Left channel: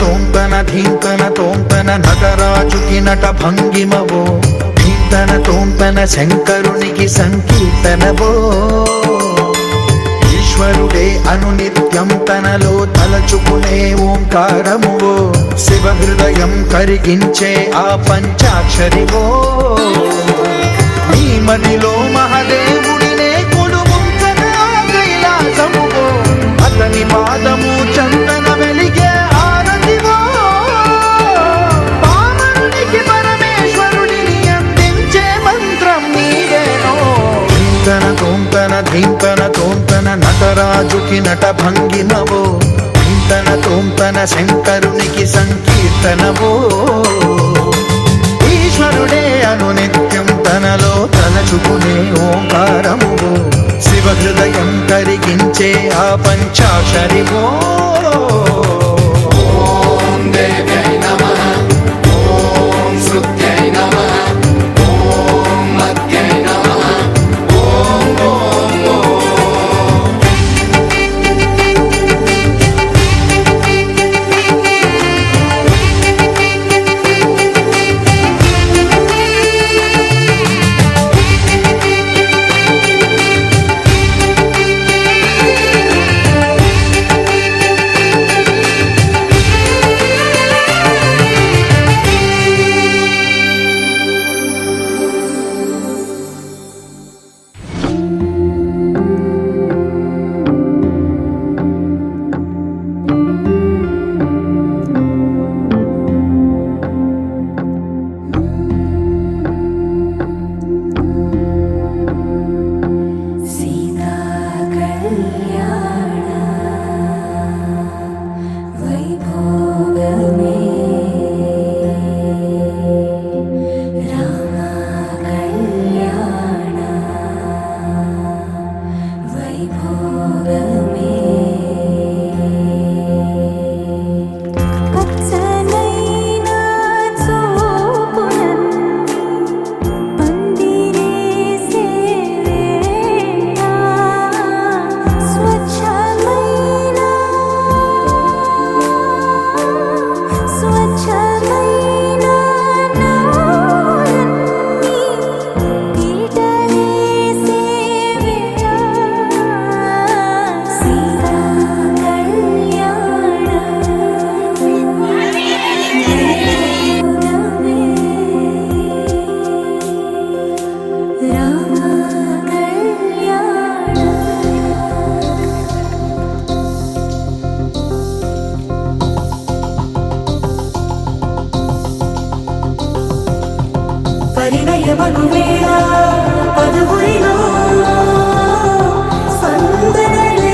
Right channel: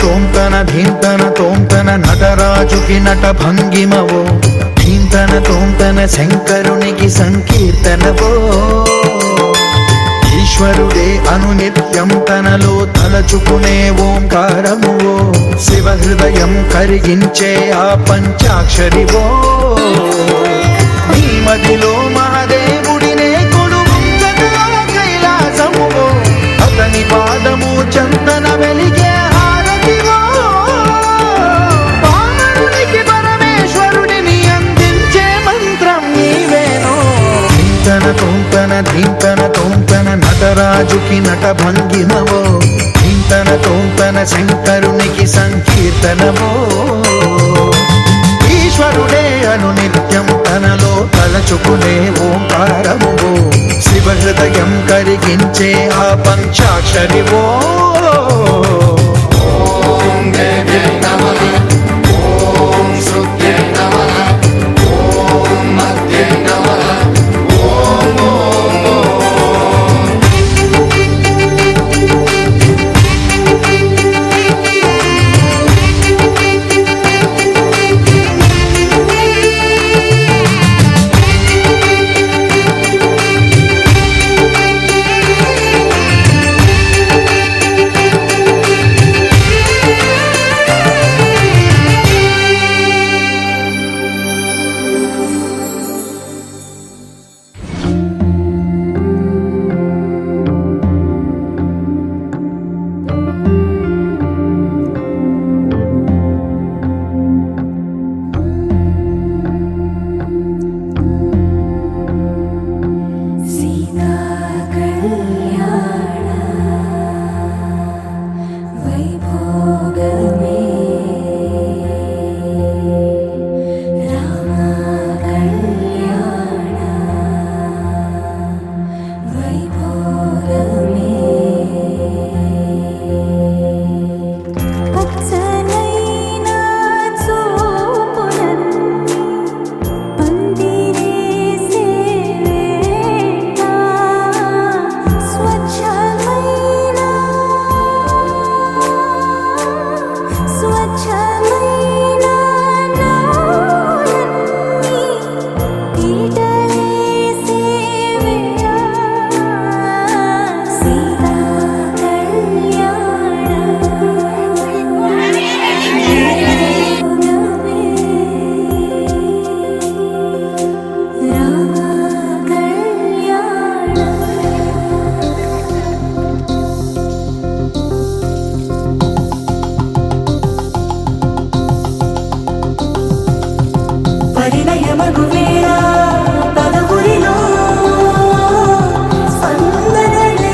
తోంతన ధీంతన తోంతన నటరాజుకి నట భంగిమవో, ధీంతన తోంతన శంకరునికి సంకీర్తనవో. ఈశ్వరుడే అనునిత్యం తనలో తలచుకునే ఓంకారమువో, శివ హృదయం కరిగించే ఆ పంచాక్షరివో. నీ మదిలో మహాదేవుడినే కొలువుంచగా కైలాసమువో, అతని పాదము చందన వెలిగే హారతివో. పామరునికి పరమేశ్వరుడిని అందించే మంత్రం నీవేనో. ధీంతన తోంతన ధీంతన తోంతన నటరాజుకి నట భంగిమవో, ధీంతన తోంతన శంకరునికి సంకీర్తనవో. ఈశ్వరుడే అనునిత్యం తనలో తలచుకునే ఓంకారమువో, శివ హృదయం కరిగించే ఆ పంచాక్షరివో. పరిణయమగువేళ పదవురిలో స్పందనలే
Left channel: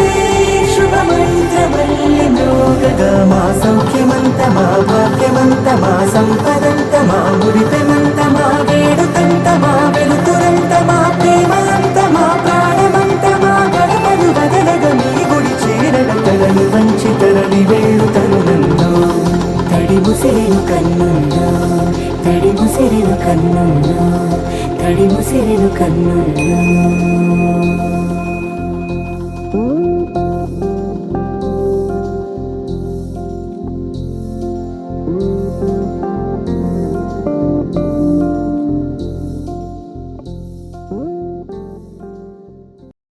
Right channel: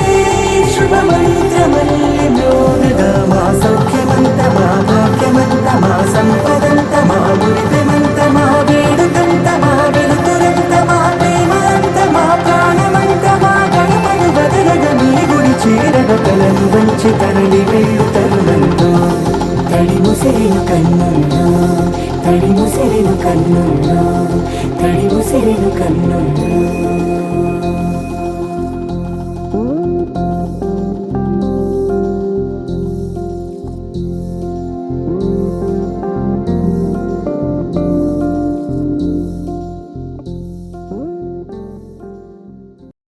శుభమంత్రమల్లి మ్రోగగా మా సౌఖ్యమంత మా భాగ్యమంత మా సంపదంత మా మురిపెమంత మా వేడుకంత మా వెలుతురంత మా ప్రేమంత మా ప్రాణమంత మా గడపను బదలగ మీ గుడి చేరగ తలను వంచి తరలి వెళ్ళు తరుణంలో తడి ముసిరిను కన్నుల్లో తడి ముసిరిను కన్నుల్లో తడి ముసిరిను కన్నుల్లో.